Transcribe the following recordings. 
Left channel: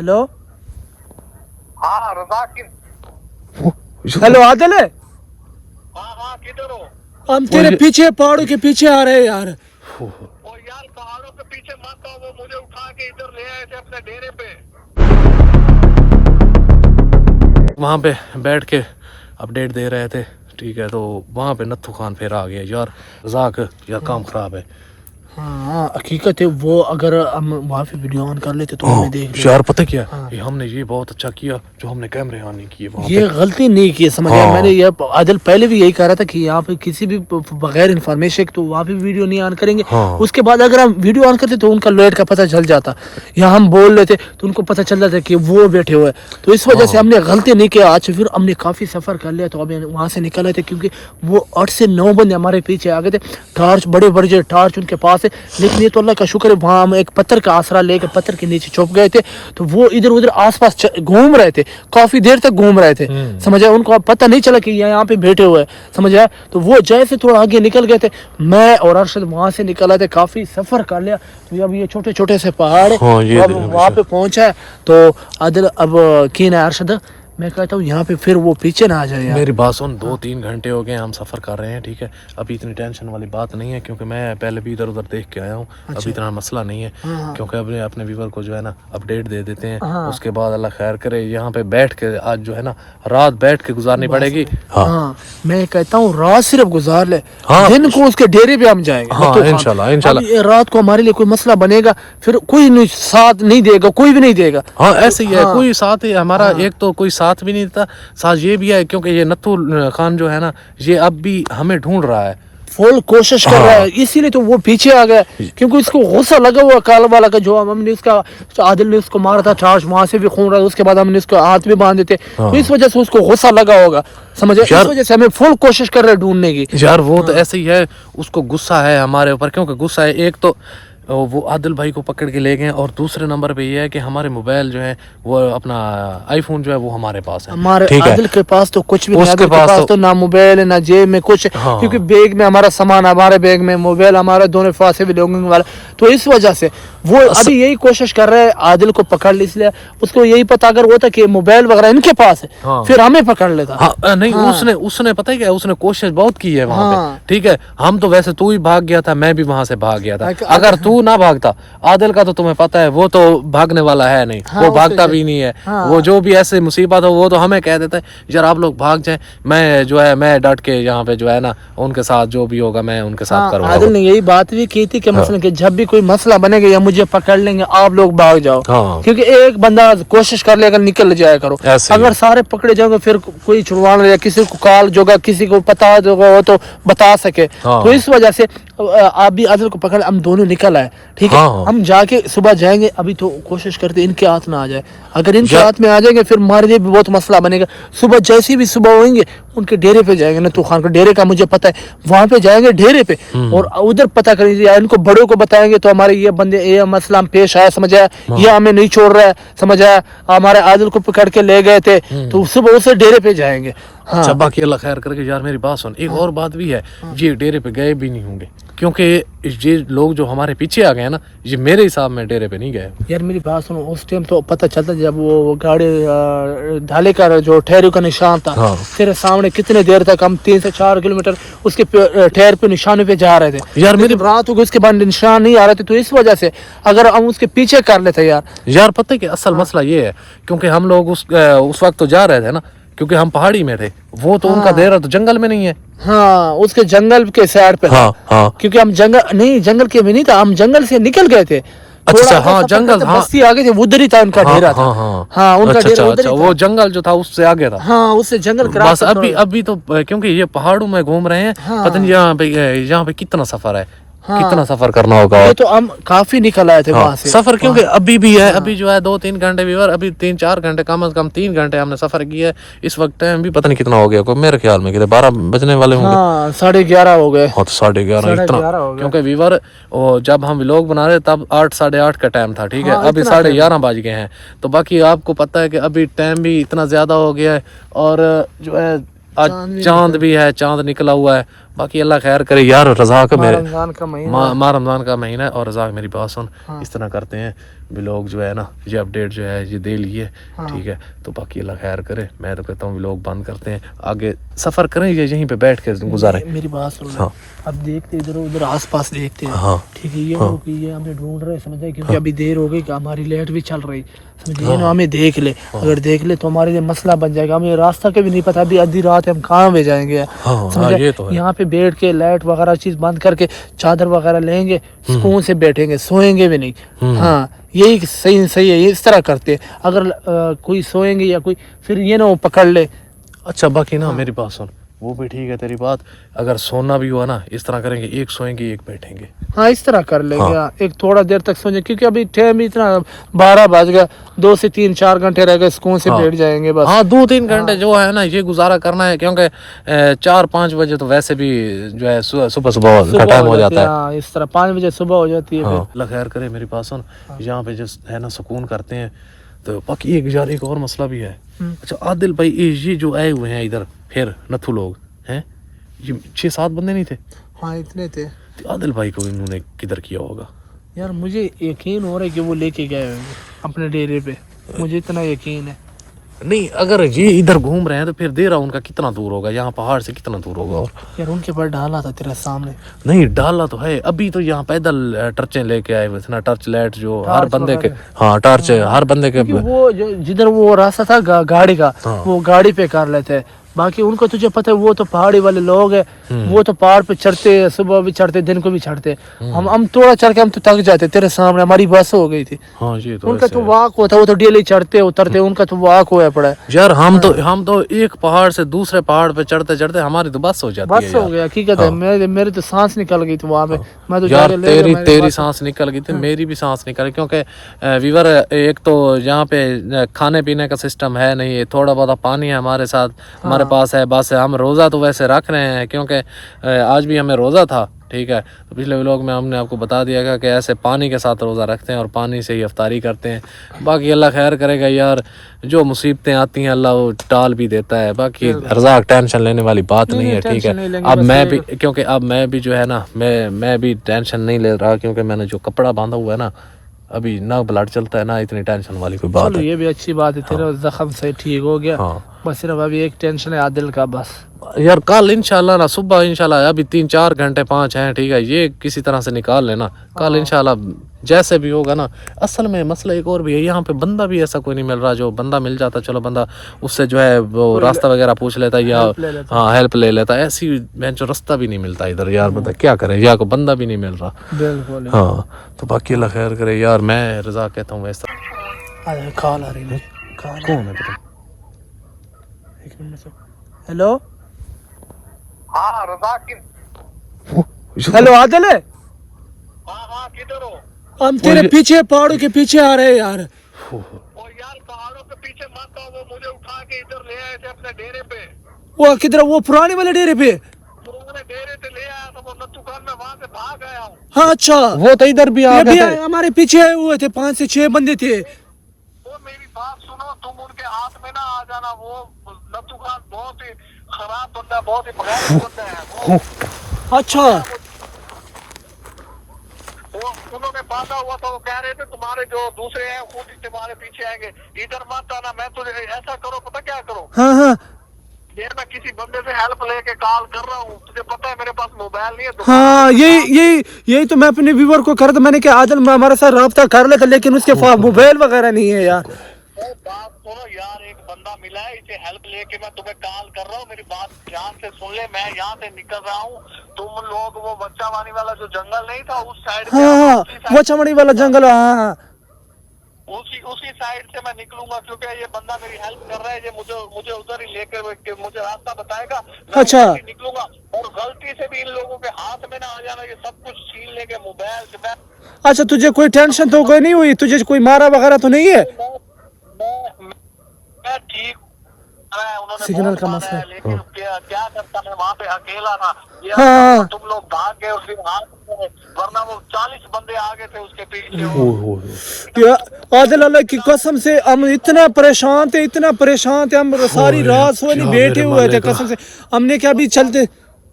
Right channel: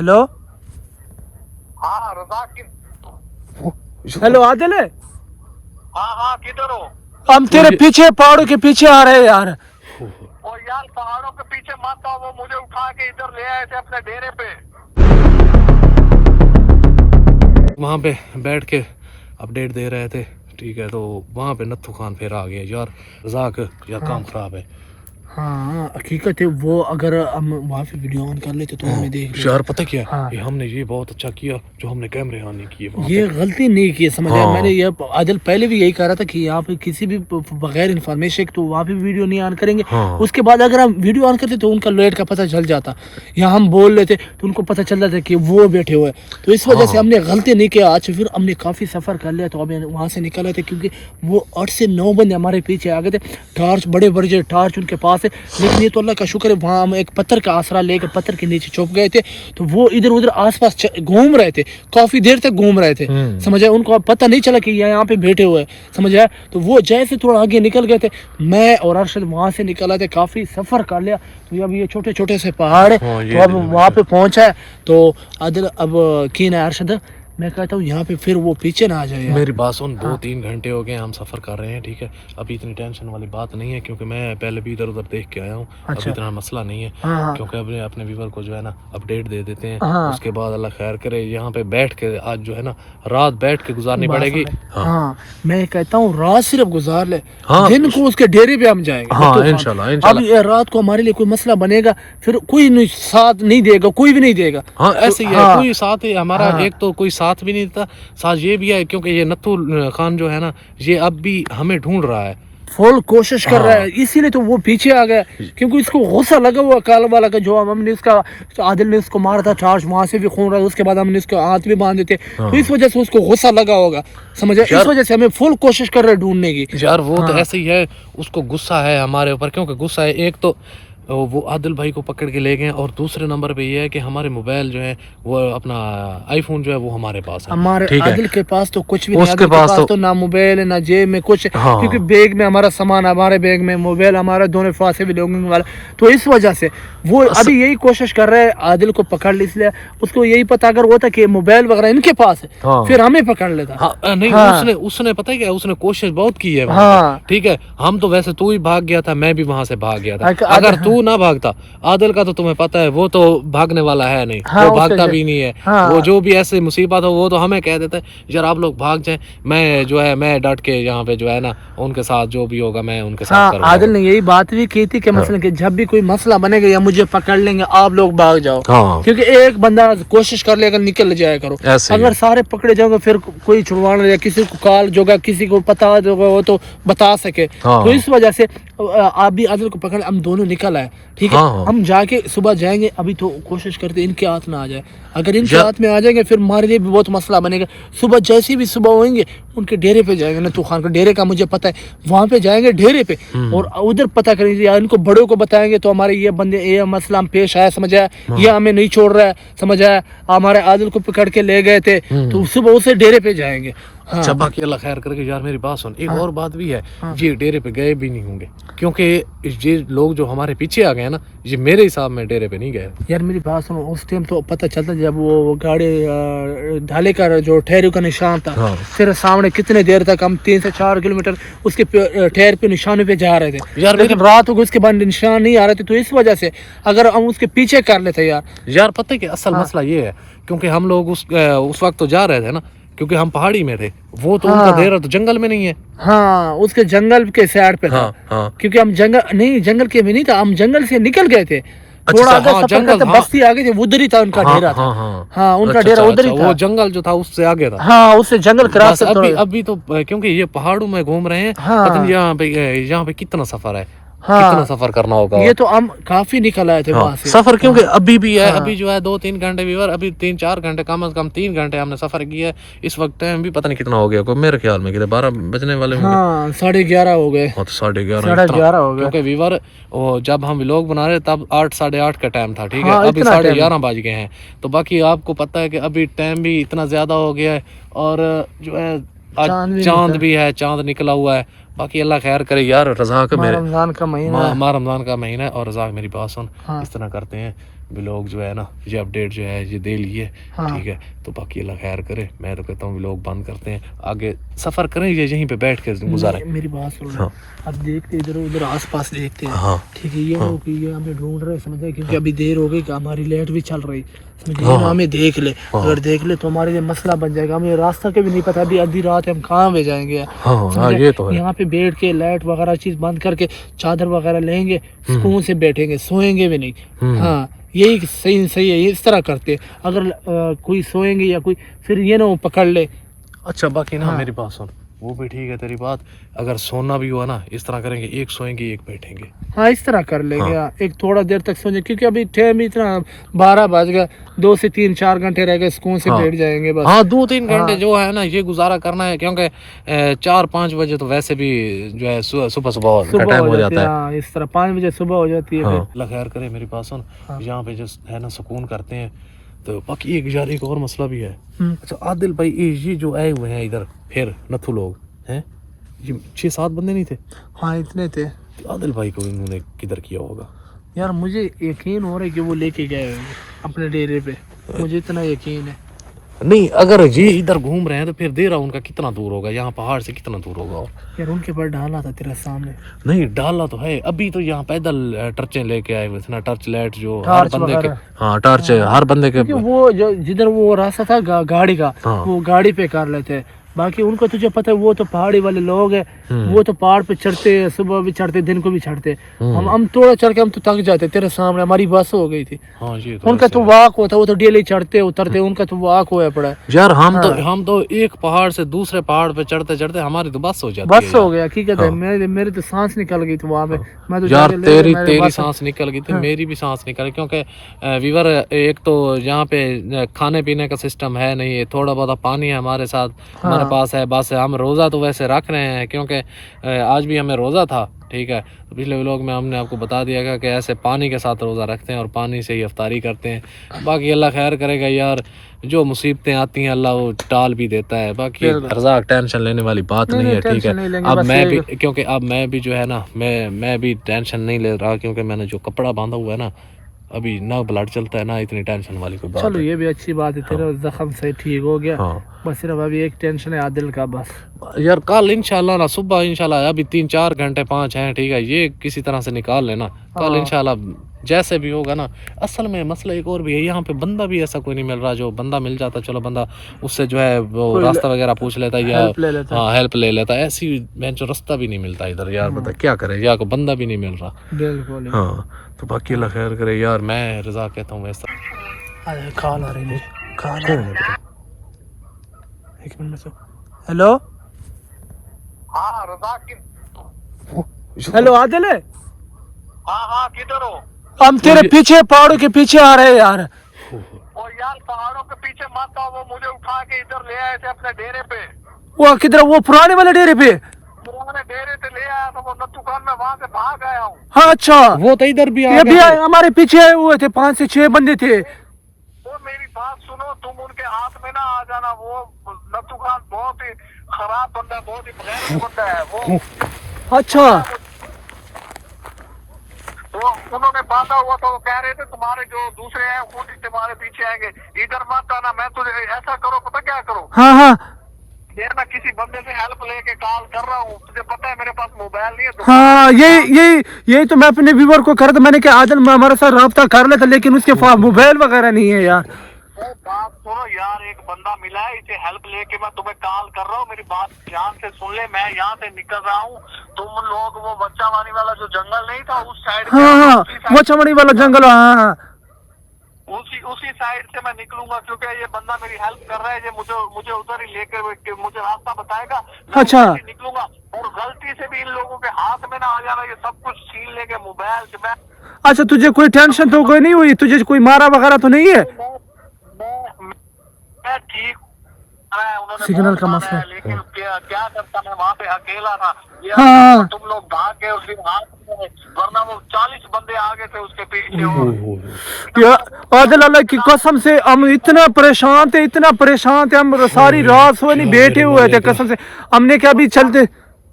Hello हाँ रज़ाक की। Hello Adil है। हाँ हाँ किधर हो? हम तेरे पीछे पहाड़ों के पीछे आ रहे हैं यार। ओ यार पहाड़ों के पीछे मत आओ, वो मुझे उठा के इधर ले आए थे अपने डेरे पे। वहाँ पे बैठ के अपडेट दे रहे थे, ठीक है। तो वहाँ पे नत्थू खान फिर आ गया यार। रज़ाक यार काम ख़राब है। हाँ हकीकत है, वो अगर हम वहाँ पे वीडियो ऑन कर लेते तो हमें देख लेते। यार पता क्या हाँ। ये हमने ये बहुत अच्छा किया जो हमने कैमरे ऑन नहीं किए वहाँ ये गलती नहीं की, समझ आया। हाँ। मैंने ये आदिल पहले भी यही कह रहा था कि यहाँ पे किसी भी बगैर इन्फॉर्मेशन तो वहाँ पे वीडियो नहीं ऑन करेंगे। हाँ। उसके बाद अगर हम वीडियो ऑन करते तो उनका लोड का पता चल जाता, या हम बोल रहे थे तो उनको पता चल जाता कि वो बैठे हुए। तो इस वजह से हमने गलती नहीं किया। आज फिर हमने काफ़ी सफ़र कर लिया, तो अभी वहाँ से निकल आए थे क्योंकि वो 8 से 9 बंदे हमारे पीछे आ गए थे। टार्च बड़े बड़े टार्च उनके पास है, लेकिन ये तो अल्लाह का शुक्र है वहाँ हम एक पत्थर का आसरा लेकर पत्थर के नीचे छुप गए थे। तो वो इधर उधर आसपास घूम रहे थे, काफी देर तक घूम रहे थे, समझ आया। उनको अब पता नहीं चला कि यहाँ पे बैठे हुए, समझ आया। तो वो जैसे थोड़ा आगे निकल गए थे, मैं और अरशद वहाँ से निकल आए थे, काफी सफर कर लिया। तो अब ये छोटे छोटे से पहाड़ है, हाँ, ये वहाँ पे पहुंचा है। तो आदिल अब कीन है अरशद, मैं कहता हूँ यहाँ पे फिर वो पीछे ना आ जाए यार। मेरी बात सुन, 2-3 घंटे हो गए हम सफ़र कर रहे हैं, ठीक है। अभी इतनी टेंशन वाली बात नहीं है क्योंकि मैं पहले भी इधर उधर देख के आया हूँ। अभी इतना मसला नहीं है। हाँ। क्योंकि अपने अपने व्यूवर को जो है ना अपडेट दे देते हैं। हाँ। उसके बाद अल्लाह खैर करे, यहाँ पे बैठ के आज जो है ना रात बैठ के गुजारनी पड़ेगी। हाँ मैं कहता हूँ रात सिर्फ गुजार ले, हाँ। दिन को उसके डेरे पे हम जाएंगे। हाँ, तो इंशाल्लाह, इंशाल्लाह। अब ये रात को हमारे लिए कोई मसला बनेगा, फिर कोई नहीं साथ नहीं देगा, कोई भी नहीं देगा। हाँ ऐसे ही है। हाँ। कोई साथ ही हमारा एक तो कोई साथ भी नहीं था, साथ ये भी है क्योंकि ये नत्थू खान जो है ना ये अब भी हमें ढूंढ रहा है, फुल कोशिश कर रहा है, इसीलिए तो वो पीछे आ गया क्योंकि इसको गुस्सा लगा हुआ काला वाला का, जो हमने इसका आदिल ने उसको मारा था टार्च, वहां से भी खून रहा, उसके बाद हमने इसको हाथ भी बांधे थे। तो इस वजह से उसको गुस्सा लगा होगा, समझे। इस वजह से हमें फुल कोशिश कर रहे हैं ढूंढने की यार। वो तो ऐसे ही है, उसको गुस्सा है हमारे ऊपर। क्योंकि गुस्सा है, एक तो वो आदिल भाई को पकड़ के ले गए, और दूसरे नंबर पे ये है कि हमारे मोबाइल जो है वो अपना आईफोन जो है वो हमारे पास है। हमारे आदिल के पास तो कुछ भी नहीं, उसके आदिल के पास तो ना मोबाइल है ना जेब में कुछ। हाँ। क्योंकि बैग में हमारा सामान, हमारे बैग में मोबाइल, हमारा दोनों फांसे भी लोगों वाला। तो इस वजह से वो अभी यही कोशिश कर रहे हैं आदिल को पकड़ ले, इसलिए उसको यही पता अगर होता कि मोबाइल वगैरह इनके पास है हाँ। फिर हमें पकड़ लेता। हाँ, नहीं उसने पता है क्या, उसने कोशिश बहुत की है वहाँ हाँ। पे, ठीक है। हम तो वैसे तू ही भाग गया था, मैं भी वहां से भाग गया था। अगर तू ना भागता, आदिल का तो तुम्हें पता है वो तो भागने वाला है नहीं। हाँ, वो भागता भी नहीं है। हाँ। वो जो भी ऐसे मुसीबत हो वो तो हमें कह देता है यार आप लोग भाग जाएं, मैं जो है मैं डट के यहाँ पे जो है ना उनके साथ जो भी होगा मैं उनके साथ करूँगा। आदिल ने यही बात भी की थी कि मसलन कि जब भी कोई मसला बनेगा या मुझे पकड़ लेंगे आप लोग भाग जाओ। हाँ। क्योंकि एक बंदा कोशिश कर लेगा निकल जाया करो, ऐसे ही। अगर सारे पकड़े जाओगे फिर कोई छुड़वाना या किसी को कॉल जोगा किसी को पता होगा वो तो बता सके। हाँ। तो इस वजह से आप भी आदिल को पकड़, हम दोनों निकल आए, ठीक है। हाँ। हम जाके सुबह जाएंगे, अभी तो कोशिश करते इनके हाथ में आ जाए। अगर इनके हाथ में आ जाएंगे फिर हमारे लिए भी बहुत मसला बनेगा। सुबह जैसी भी सुबह होंगे उनके डेरे पे जाएंगे, नत्थू खान के डेरे का मुझे पता है, वहां पे जाएंगे डेरे पे और उधर पता करेंगे या इनको बड़ों को बताएंगे तो हमारे ये बंदे ये मसला हम पेश आया, समझ आया, ये हमें नहीं छोड़ रहा है, समझ आया। हमारे आदिल को पकड़ के ले गए थे तो सुबह उसे डेरे पे जाएंगे। हाँ। अच्छा बाकी अल्लाह खैर करके यार मेरी बात सुन, एक और बात भी है, ये डेरे पे गए भी नहीं होंगे क्योंकि ये लोग जो हमारे पीछे आ गए ना ये मेरे हिसाब में डेरे पे नहीं गए। यार मेरी बात सुनो, उस टाइम तो पता चलता जब वो गाड़ी ढाले का जो ठहरों का निशान था। हाँ। फिर सामने कितने देर तक हम 3 से 4 किलोमीटर उसके ठहर पे निशानों पे जा रहे थे यार। लेकिन रात हो गई उसके बाद निशान नहीं आ रहे थे। तो इस वजह से अगर हम उसके पीछे कर लेते यार पता है कि असल मसला ये है क्योंकि हम लोग उस वक्त तो जा रहे थे ना क्योंकि हम पहाड़ी में थे, वो तो उनका डेरा तो जंगल में नहीं है। हाँ उसके जंगल के साइड पे था। हाँ। क्योंकि हम जंगल के में नहीं था, हम जंगल से निकल गए थे। अच्छा, आगे हाँ, सफर जंगल, करते हाँ। बस्ती आगे थे, उधर ही था उनका डेरा था। हाँ उनका अच्छा, डेरा अच्छा, उधर ही अच्छा, था। वो जंगल जो था उससे आगे था। हाँ उससे जंगल के बस रास्ते अभी तो क्योंकि ये पहाड़ों में घूम रहे हैं, हाँ। पता नहीं यहाँ पे कितना सफर है, कितना सफर करना होगा। ये तो हम काफी निकल आए थे वहां से। सफर क्योंकि अभी भी है, अभी जो है 2-3 घंटे भी, और अभी 3-4 घंटे कम से कम 3 घंटे हमने सफर किया है। इस वक्त टाइम भी पता नहीं कितना हो गया, मेरे ख्याल में 12 बजने वाले होंगे। हाँ 11:30 हो गए। हाँ तो 11:30 11:30 हो गए। क्योंकि व्यूवर जब हम व्लॉग बना रहे तब 8-8:30 का टाइम था, ठीक है। हाँ, अभी इतना 11:30 बज गए हैं। तो बाकी आपको पता है कि अभी टाइम भी इतना ज्यादा हो गया है, और जो है आज चांद भी है, चांद निकला हुआ है, باقی اللہ خیر کرے یار. رزاق ماہ میں رمضان کا مہینہ ماہ رمضان کا مہینہ ہے. اور رزاق میری بات سن, اس طرح کرتے ہیں ولاگ جو ہے نا, یہ اپڈیٹ جو ہے یہ دے لیے, ٹھیک ہے. تو باقی اللہ خیر کرے. میں تو کہتا ہوں ولاگ بند کرتے ہیں, آگے سفر کریں یا یہیں پہ بیٹھ کے گزاریں. میری بات سنو, اب دیکھتے ادھر ادھر آس پاس دیکھتے ہیں, ہاں ٹھیک ہے. یہ ہو کہ یہ ہمیں ڈھونڈ رہے سمجھے, کیونکہ ابھی دیر ہو گئی کہ ہماری لیٹ بھی چل رہی سمجھے. ہمیں دیکھ لے, اگر دیکھ لے تو ہمارے لیے مسئلہ بن جائے گا. ہمیں راستہ کے بھی نہیں پتا ابھی آدھی رات ہم کہاں میں جائیں گے. یہ تو ہے. یہاں پہ بیٹھ کے لائٹ وغیرہ چیز بند کر کے چادر وغیرہ لیں گے, سکون سے بیٹھیں گے, سوئیں گے بھی نہیں. ہاں یہی صحیح ہے, یہ اس طرح کرتے. اگر کوئی سوئیں گے یا کوئی پھر یہ نہ وہ پکڑ لے. اچھا باقی نا میری بات سن, وہ بھی ٹھیک ہے تیری بات. اگر سونا بھی ہوا نا, اس طرح کریں گے, ایک سوئیں گے ایک بیٹھیں گے. ہاں اس طرح کر لیں گے. ایک تھوڑا دیر تک سوئیں گے, کیونکہ ابھی ٹائم اتنا 12 بج گیا, 2 سے 3 4 گھنٹے رہ گئے, سکون سے بیٹھ جائیں گے بس. ہاں 2-3 گھنٹے جو ہے نا یہ گزارا کرنا ہے, کیونکہ 4-5 بجے تو ویسے بھی جو ہے صبح کا ٹائم ہو جاتا ہے. ہاں اس طرح 5 بجے صبح ہو جاتی ہے. اللہ خیر کرے. میری بات سن, یہاں پہ جو ہے نا سکون کرتے ہیں. تو باقی ایک اور مسئلہ بھی ہے. اچھا عادل بھائی, یہ جو آئے ہوئے ہیں ادھر پھر نتھو لوگ ہیں, یہ 6-7 بندے نہیں تھے؟ ہاں اتنے تھے. عادل بھائی کو انہوں نے کدھر کیا ہوگا یار؟ مجھے یقین ہو رہا ہے کہ وہ لے کے گئے ہوں گے اپنے ڈیرے پہ, مجھے اتنا یقین ہے. نہیں, اگر یہ ادھر گھوم رہے ہیں تو پھر دیرا ان کا کتنا دور ہوگا, یہاں پہاڑ سے کتنا دور ہوگا؟ اور یار ان کے پاس ڈالا تھا تیرے سامنے. نہیں ڈالا تو ہے, ابھی تو یہاں پیدل ٹرچیں لے کے آئے ہوئے تھے نا, ٹرچ لائٹ جو ہر بندے کے. ہاں ٹارچ ہر بندے کے. وہ جو جدھر وہ راستہ تھا گاڑی کا, وہ گاڑی پہ کر لیتے. باقی ان کو تجھے پتہ ہے وہ تو پہاڑی والے لوگ ہیں, وہ تو پہاڑ پہ چڑھتے, صبح بھی چڑھتے, دن کو بھی چڑھتے. ہم تھوڑا چڑھ کے ہم تو تھک جاتے. تیرے سامنے ہماری بس ہو گئی تھی. ان کا تو واک ہوتا, وہ تو ڈیلی چڑھتے اترتے, ان کا تو واک ہوا پڑا ہے. یار ہم تو ایک پہاڑ سے دوسرے پہاڑ پہ چڑھتے چڑھتے ہماری تو بس ہو جاتی ہے. بس ہو گیا حقیقت ہے. میری تو سانس نکل گئی تھی وہاں پہ. میں تو یار تیری سانس نکل گئی تھی, میری بھی سانس نکل گئی, کیونکہ ویور ایک تو یہاں پہ کھانے پینے کا سسٹم ہے نہیں, تھوڑا بہت پانی ہے ہمارے ساتھ, ہمارے پاس ہے بس. ہم روزہ تو ویسے رکھ رہے ہیں کیونکہ آج بھی ہمیں روزہ تھا, ٹھیک ہے. تو پچھلے ولاگ میں ہم نے آپ کو بتا دیا گا کہ ایسے پانی کے ساتھ روزہ رکھتے ہیں اور پانی سے ہی افطاری کرتے ہیں. باقی اللہ خیر کرے گا یار, جو مصیبتیں آتی ہیں اللہ وہ ٹال بھی دیتا ہے. باقی رزاق ٹینشن لینے والی بات نہیں ہے, ٹھیک ہے. اب میں بھی, کیونکہ اب میں بھی جو ہے نا, میں بھی ٹینشن نہیں لے رہا, کیونکہ میں نے جو کپڑا باندھا ہوا ہے نا, ابھی نہ بلڈ چلتا ہے, نہ اتنی ٹینشن والی کوئی بات ہے. چلو یہ بھی اچھی بات ہے, تیرا زخم سے ٹھیک ہو گیا. بس صرف ابھی ایک ٹینشن ہے عادل کا بس. یار کل انشاءاللہ نا, صبح انشاءاللہ, ابھی 3-4 گھنٹے 5 ہیں, ٹھیک ہے, یہ کسی طرح سے نکال لینا. کل انشاءاللہ جیسے بھی ہوگا نا. اصل میں مسئلہ ایک اور بھی ہے, یہاں پہ بندہ بھی ایسا کوئی نہیں مل رہا. جو بندہ مل جاتا, چلو بندہ اس سے جو ہے وہ راستہ وغیرہ پوچھ لیتا یا ہیلپ لے لیتا. ایسی جو راستہ بھی نہیں ملتا ادھر یار, بتا کیا کریں, یہاں کو بندہ بھی نہیں مل رہا. بالکل. ہاں تو باقی اللہ خیر کرے یار. میں رضا کہتا ہوں ایسا. کال آ رہی ہے. کون ہے پتہ؟ ایک منٹ. ہیلو. ہاں رزاق کی. ہیلو عادل ہے. ہاں کدھر ہو؟ ہم تیرے پیچھے, پہاڑوں کے پیچھے آ رہے ہیں یار. وہ یار پہاڑوں کے پیچھے مت آؤ, وہ مجھے اٹھا کے ادھر لے آئے تھے اپنے ڈیرے پہ. وہ کدھر؟ وہ پرانے والے ڈیرے پہ. پرانے ڈیرے سے لے آیا تھا وہ نتھو خان, میں وہاں سے بھاگ آیا ہوں. ہاں اچھا, وہ تو ادھر بھی یہ بھی ہمارے پیچھے آئے ہوئے تھے, 5 سے 6 بندے تھے. وہ میری بات سنو, تم ان کے ہاتھ میں نہ آ جانا. وہ نتھو خان بہت ہی خراب بندہ ہے, بہت ہی بغیر بندہ ہے وہ. اچھا. وہ انہوں نے باندھا ہوا تھا, وہ کہہ رہے تھے تمہارے جو دوسرے ہیں وہ تمہارے پیچھے آئیں گے, ادھر مت آنا. میں تجھے ایسا کرو, پتہ کیا کرو, ہاں میں کسی بندے سے ہیلپ لے کے کال کر رہا ہوں. تجھے پتہ ہے میرے پاس موبائل نہیں ہے. ہاں یہی تو میں اپنے ویور کو کر دوں. میں نے کہا عادل ہمارے ساتھ رابطہ کر لیتا, لیکن اس کے پاس موبائل وغیرہ نہیں ہے یار. بات سنو یار, ایک بندہ ملا ہے, اسے ہیلپ لے کے میں تمہیں کال کر رہا ہوں. میری بات دھیان سے سن لے, میں یہاں سے نکل رہا ہوں. تم لوگ وہ بچہ وانی والا جو جنگل نہیں تھا اس سائڈ, ہاں وہ چمڑی والا جنگل, ہاں اسی سائڈ سے میں نکلوں گا, کیونکہ یہ بندہ میری ہیلپ کر رہا ہے. یہ مجھے ادھر ہی لے کر مجھے راستہ بتائے گا. اچھا نکلوں گا, اور غلطی سے بھی ان لوگوں کے ہاتھ میں نہ آ جانا. یہ سب کچھ چھین لے کے موبائل. اچھا, تجھے کوئی ٹینشن تو کوئی نہیں ہوئی, تجھے کوئی مارا وغیرہ تو نہیں ہے؟ میں ٹھیک, سگنل کا مسئلہ, لیکن کیا کرتا, میں وہاں پہ اکیلا تھا. ہاں تم لوگ بھاگ گئے اس دن ہاتھ میں, ورنہ وہ 40 بندے آگے تھے اس کے پیچھے. عادل اللہ کی قسم سے ہم اتنا پریشان تھے, ہم ساری رات سوئے نہیں, بیٹھے ہوئے تھے قسم سے. ہم نے کیا ابھی چلتے,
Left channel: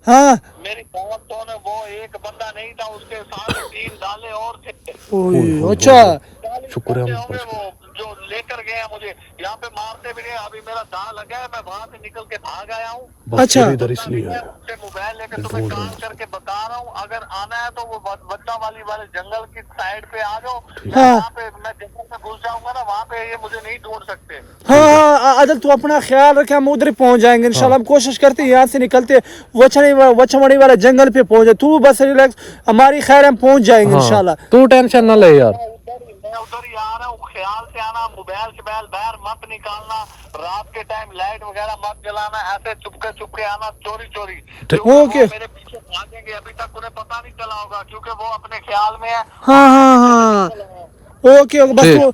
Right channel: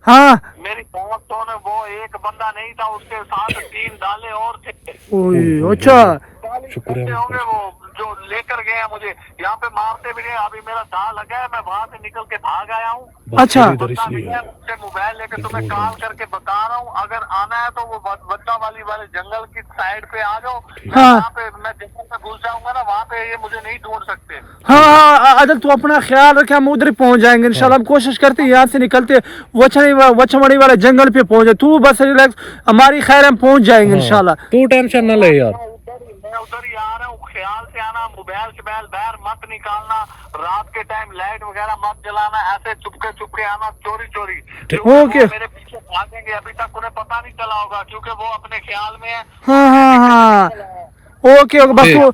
हाँ मेरी बात तो ने वो एक बंदा नहीं था, उसके साथ 3 डाले और थे। ओए अच्छा शुक्र है होंगे वो जो लेकर गए हैं मुझे, यहाँ पे मारते भी नहीं। अभी मेरा दाल लगा है, मैं वहाँ से निकल के भाग आया हूँ। अच्छा मोबाइल लेकर तुम्हें कॉल करके बता रहा हूँ, अगर आना है तो वो बच्चा वाले जंगल की साइड पे आ जाओ। हाँ। वहाँ पे मैं जंगल में घुस जाऊंगा ना, वहाँ पे ये मुझे नहीं ढूंढ सकते। हाँ हाँ आदिल तू अपना ख्याल रखे, हम उधर ही पहुंच जाएंगे इंशाल्लाह। हम कोशिश करते हैं यहाँ से निकलते वचमणी वाले जंगल पे पहुंचे। तू बस रिलैक्स, हमारी खैर हम पहुंच जाएंगे इंशाल्लाह। तू टेंशन ना ले यार, मैं उधर ही आ रहा हूँ, ख्याल से आना। मोबाइल शोबाइल बाहर मत निकालना, रात के टाइम लाइट वगैरह मत जलाना, ऐसे चुपके आना चोरी चोरी। ओके। मेरे पीछे भागेंगे, अभी तक उन्हें पता नहीं चला होगा क्योंकि वो अपने ख्याल में है। हाँ हाँ हाँ ओके ओके बस तू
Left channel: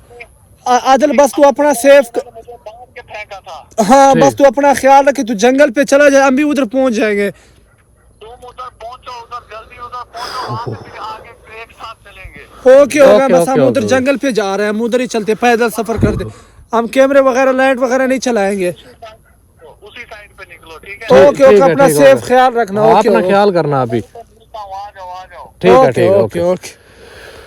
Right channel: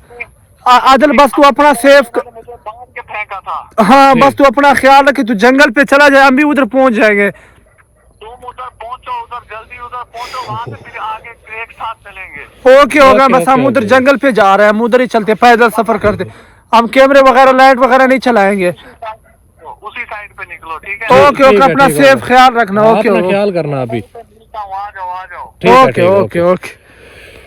आदिल बस तू अपना सेफ मुझे बांध के फेंका था। हाँ बस तू अपना ख्याल रखे, तू जंगल पे चला जाए, हम भी उधर पहुंच जाएंगे। तुम उधर पहुंचो, उधर जल्दी उधर पहुंचो, वहाँ से फिर आगे एक साथ चलेंगे। ओके होगा, बस हम ओके, उधर ओके। जंगल पे जा रहे हैं, हम उधर ही चलते, पैदल सफर करते। हम कैमरे वगैरह लाइट वगैरह नहीं चलाएंगे। उसी साइड पे निकलो, ठीक है? ओके ओके अपना सेफ ख्याल रखना। ओके अपना ख्याल करना अभी। आ जाओ आ जाओ। ठीक है ओके ओके ओके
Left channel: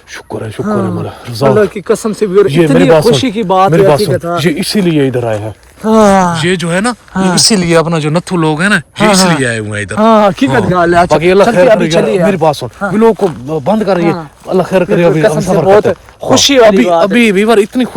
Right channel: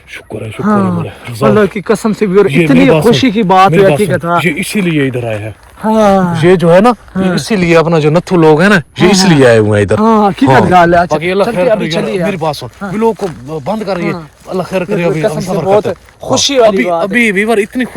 शुक्र है मौला। अल्लाह की कसम से भी ये मेरी बात खुशी की बात मेरी है बात हकीकत। सुन, हाँ ये इसीलिए इधर आए हैं। हाँ ये जो है ना, ये इसीलिए अपना जो नत्थू लोग है ना, ये इसलिए आए हुए हैं इधर। हाँ हकीकत गाल है। अच्छा बाकी अल्लाह चलते खैर अभी करे, चलिए। मेरी बात सुन, ये लोग को बंद कर रही है। अल्लाह खैर करे, अभी कसम हम से सफर बहुत करते हैं। खुशी वाली अभी बात है। अभी वीवर इतनी खुशी